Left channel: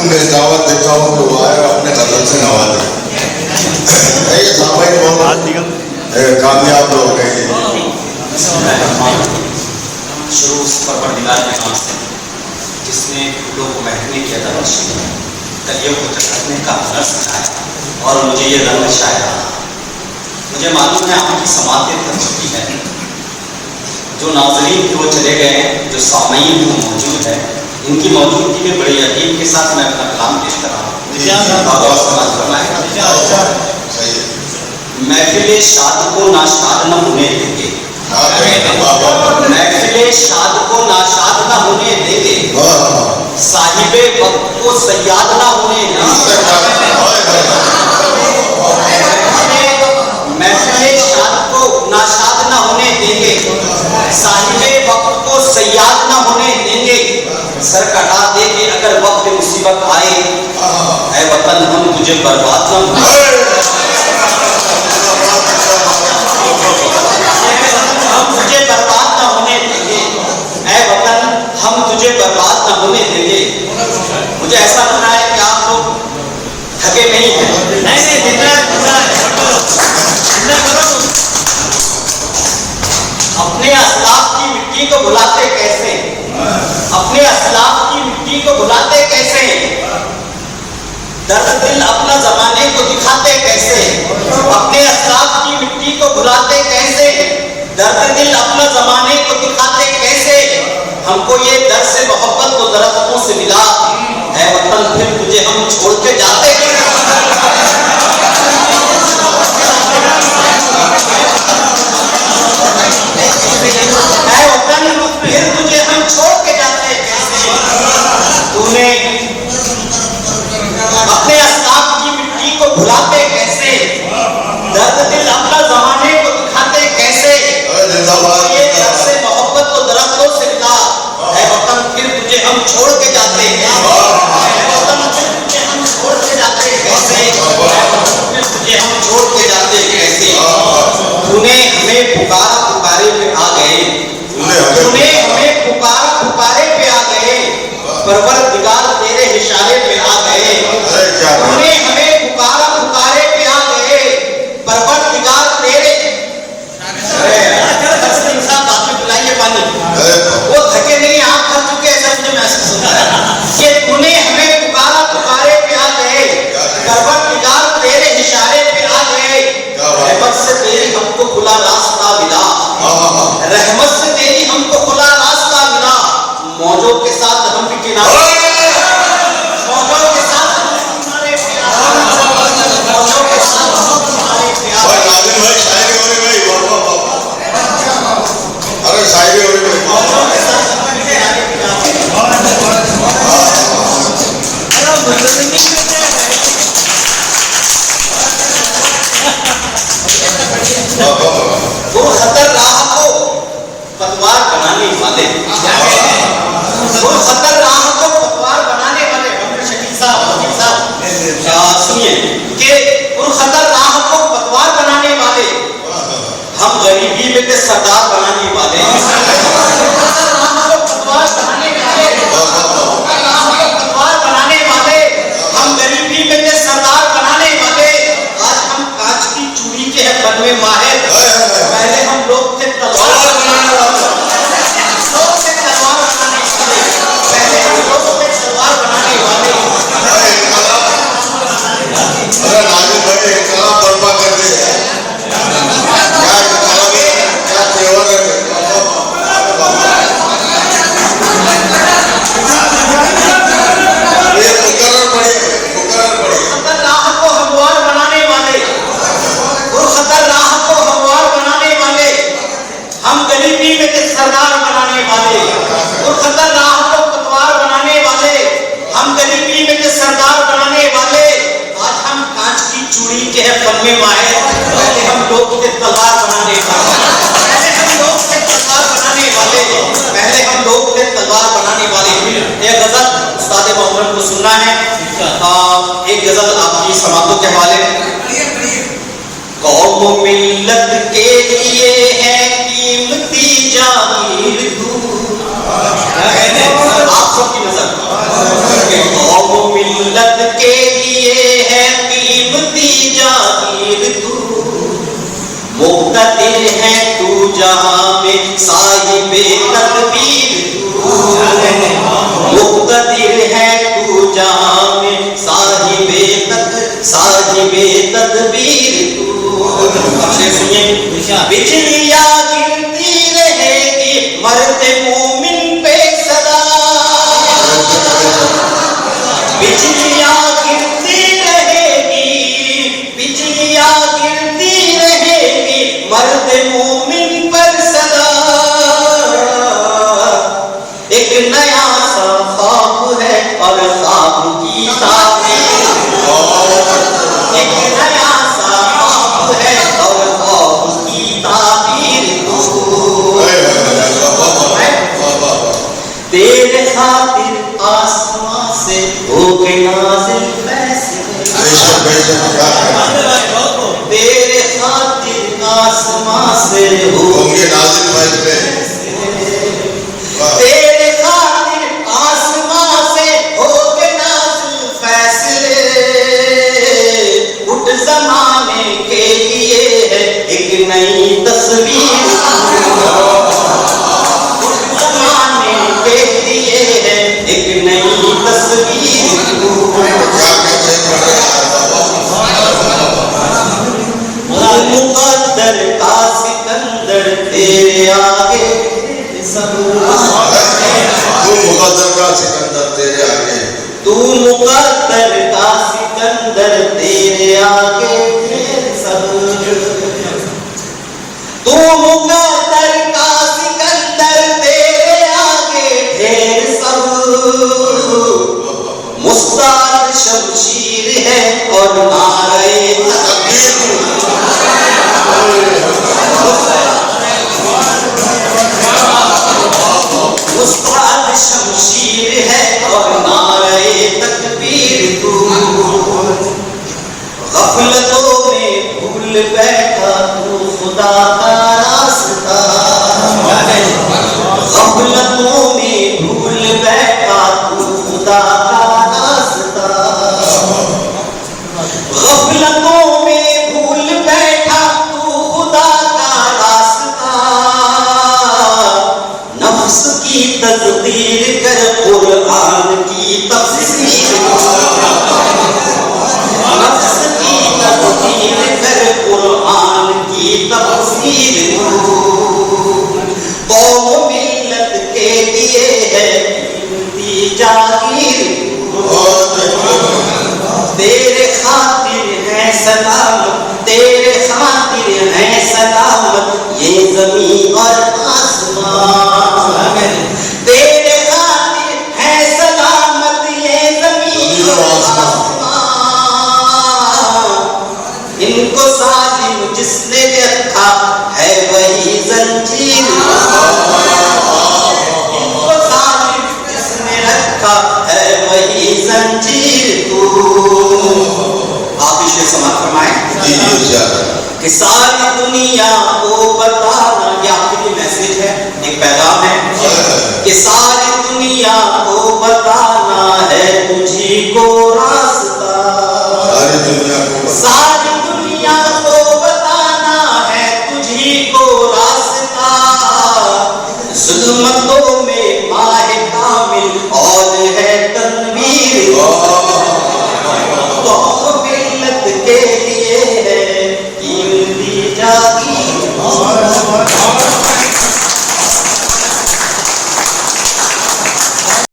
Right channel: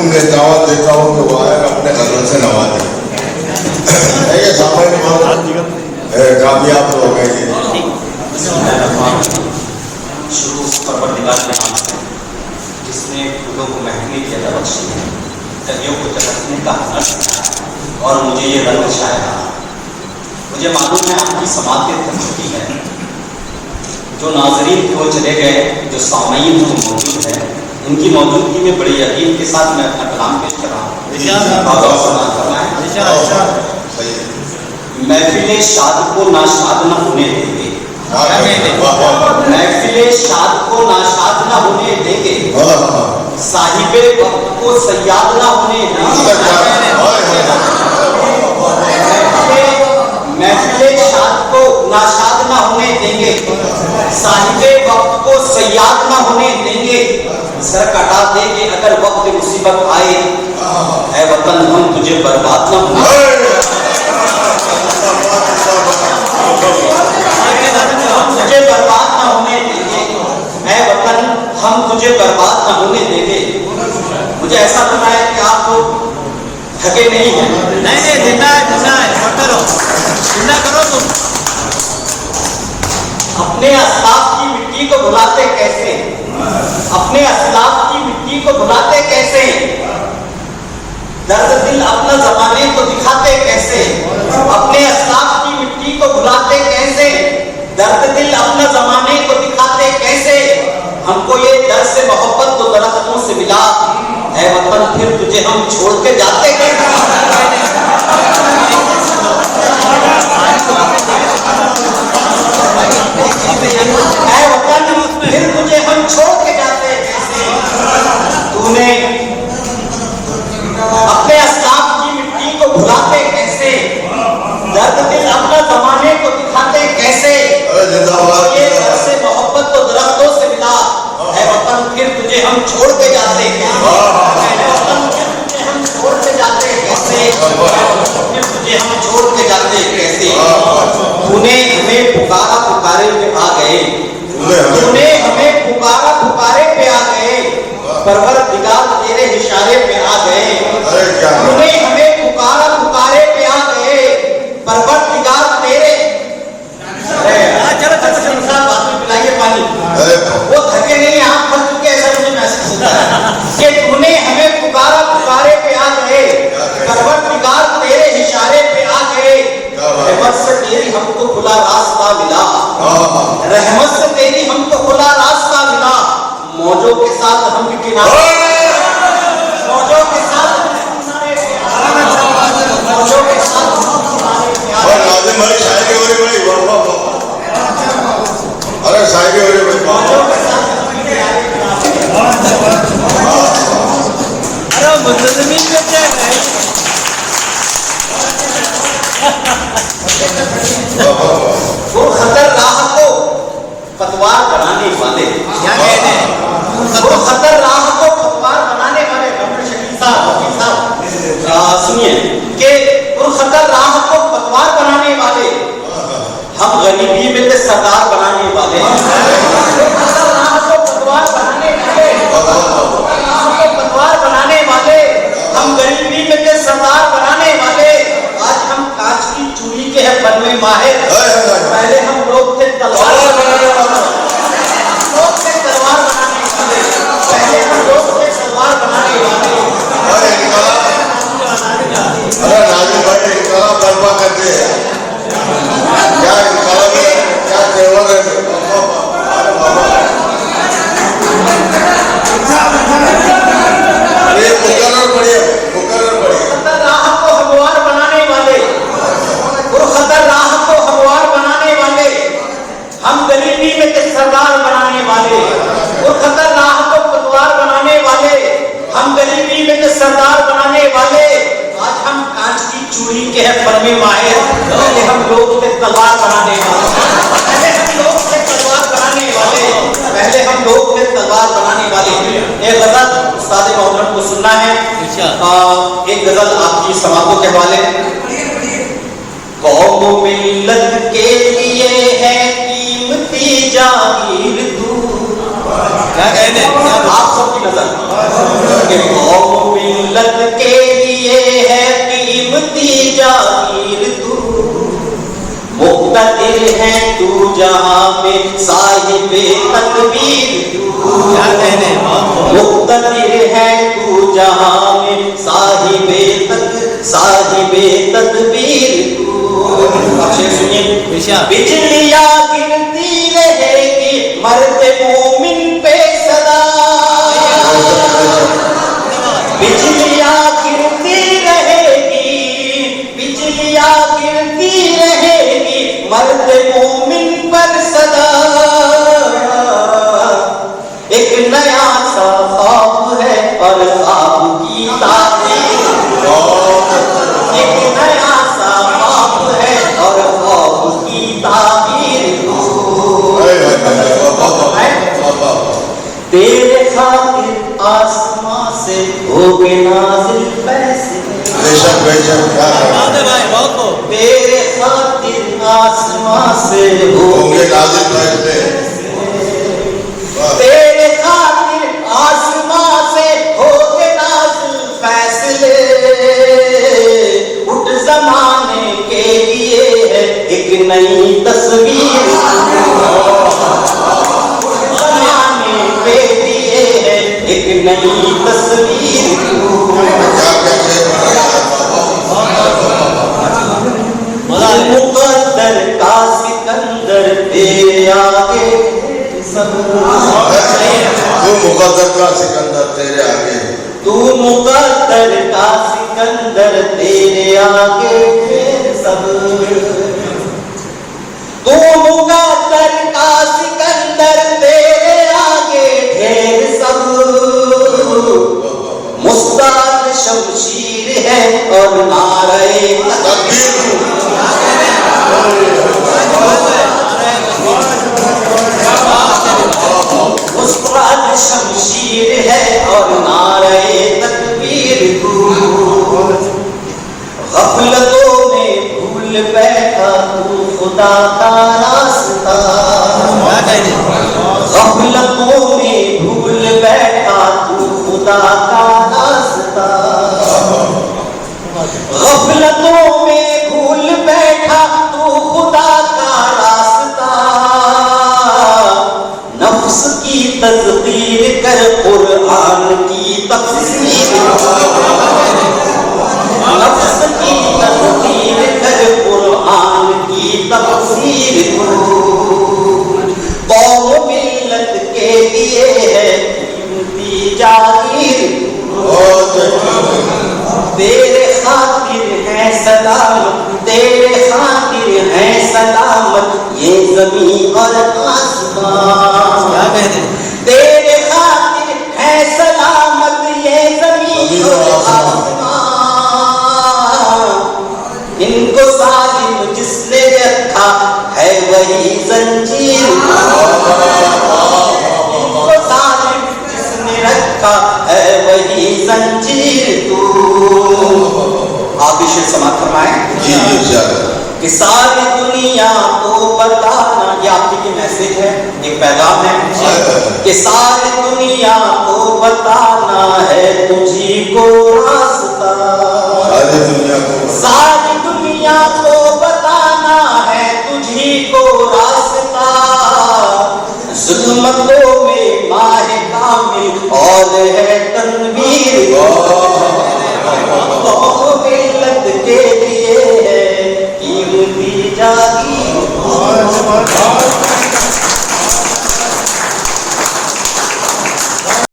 उन्हें दावत देता हूँ तो आए अपने कदम से दावत दे। ये सामान्य मामला कामयाब हो गए थे। शुरू परवरदिगार के नाम से जिसने फूलों को महकने की अदा बख्शी है, कलियों को चटकने का हुनर सिखाया और मुझे ये रंग चाहा। मुझे मालूम है आपकी समातें थक चुकी है, जो नाज़रीन थे वो चले गए, जो सामईन वो मौजूद है। इनकी मौजूदगी में बड़ी अदीब के साथ मैं अपना कलाम पेश कर रहा हूँ। महफिले शाद को नाशाद न होने देंगे, महफिले शाद को नाशाद न होने देंगे, साहिबे वक्त को सयाद न होने देंगे। महफिले शाद को नाशाद न होने देंगे, साहिबे वक्त को सयाद न होने देंगे। सर कटा देंगे अगर वक्त मुसीबत आए, ऐ वतन हम तुझे बर्बाद न होने, तुझे बर्बाद न होने देंगे। ऐ वतन हम तुझे बर्बाद न होने देंगे। मुझे ऐसा पता है कि आप लोग थके नहीं हैं। नहीं जितना करो तुम। अपने असलाफ की मिट्टी को भुलाते कैसे, अपने असलाफ की मिट्टी को भुलाते कैसे, दर्द दिल अपना जमाने को दिखाते कैसे, अपने असलाफ की मिट्टी को भुलाते कैसे, दर्द दिल अपना जमाने को दिखाते कैसे। हमको ये दर्द से मोहब्बत तो दरख्तों से मिला, है वतन फिर तुझे हम छोड़ के जाते कैसे। है वतन फिर तुझे हम छोड़ के जाते कैसे। तूने अपने असलाफ की मिट्टी को भुलाते कैसे, दर्द दिल अपना जमाने को दिखाते कैसे। ये दर्द से मोहब्बत तो दरख्तों से मिला, है वतन फिर तुझे हम छोड़ के जाते कैसे, है वतन फिर तुझे हम छोड़ के जाते कैसे, है वतन फिर तुझे हम छोड़ के जाते कैसे। तूने हमें पुकारा पुकारे पे आ गए, तूने हमें पुकारा पुकारे पे आ गए, परवरदिगार तेरे इशारे पे आ गए। तूने हमें पुकारा पुकारे पे आ गए, परवरदिगार तेरे। पिलाइए पानी, वो थके नहीं, आप थक चुके ऐसा मुझे महसूस होता है कि तूने हमें पुकारा पुकारे पे आ गए, परवरदिगार तेरे इशारे पे आ गए। रहमत से तेरी हमको खुला रास्ता मिला, रहमत से तेरी हमको खुला रास्ता मिला। मौजों के साथ हम भी किनारे, मौजों के साथ हम भी किनारे पे आ गए, मौजों के साथ हम किनारे पे आ गए। भाई शायरी हो रही भाई, अरे शायरी हो रही भाई, मौजों के साथ हम भी किनारे पे आ गए। वो खतर राह को पतवार बनाने वाले, वो खतर राह को पतवार बनाने वाले डॉक्टर शकील साहब सुनिए कि वो खतर राह को पतवार बनाने वाले, हम गरीबी में से सरदार बनाने वाले, खतर राह को पतवार बनाने वाले, पतवार बनाने वाले, हम गरीबी में से सरदार बनाने वाले। आज हम कांच की चूड़ी के हैं बन में माहिर, पहले हम लोग थे तलवार बनाने वाले, पहले हम लोग थे तलवार बनाने वाले। चूड़ी के है फन में माहिर, पहले हम लोग थे तलवार बनाने वाले, पहले हम लोग थे तलवार बनाने वाले, पहले हम लोग थे तलवार बनाने वाले। एक गजल उस्ताद मोहम्मद को सुनना है, एक गजल आपकी समातों के हवाले। कौम मिल्लत के लिए है कीमती जागीर दूर, आप सबकी नजर। कौम हो के नाज़िल फैसले, बेशक बेशक क्या तेरे खातिर आसमां से हो होंगे नाज़िल फैसले। तेरे खातिर आसमां से हो के नाज़िल फैसले, उठ ज़माने के लिए है एक नई तस्वीर, उठ ज़माने के लिए है एक नई तस्वीर। मुक़द्दर का सिकंदर तेरे आगे सब, तू मुक़द्दर का सिकंदर तेरे आगे, तू मुक़द्दर का सिकंदर तेरे आगे सब, तू मुक़द्दर का सिकंदर तेरे आगे ढेर सब, मुस्ताद शमशीर है और नारे तकबीर, मुस्ताद शमशीर है और नारे तकबीर तू, गफलतों में भूल बैठा तू खुदा का रास्ता, गफलतों में भूल बैठा तू खुदा का रास्ता, गफलतों में भूल बैठा तू खुदा का रास्ता, नफ्स की तस्दीर कर कुरान की तफसीर, नफ्स की तस्दीर कर कुरान की तफसीर, कौम मिल्लत के लिए है कीमती जागीर, तेरे खातिर है सलामत, तेरे खातिर है सलामत ये ज़मीन और आसमान, तेरे खातिर है सलामत ये ज़मीन और आसमान, इनको साजिम जिसने रखा है वही जंजीर, इनको साजिम जिसने रखा है वही जंजीर तू। आप इसे समाप्त फरमाएं कि सारी दुनिया को बताना, ये आपके मैसेज है, एक पैगाम है कि सारी दुनिया को बताना है तुझी को रास्ता,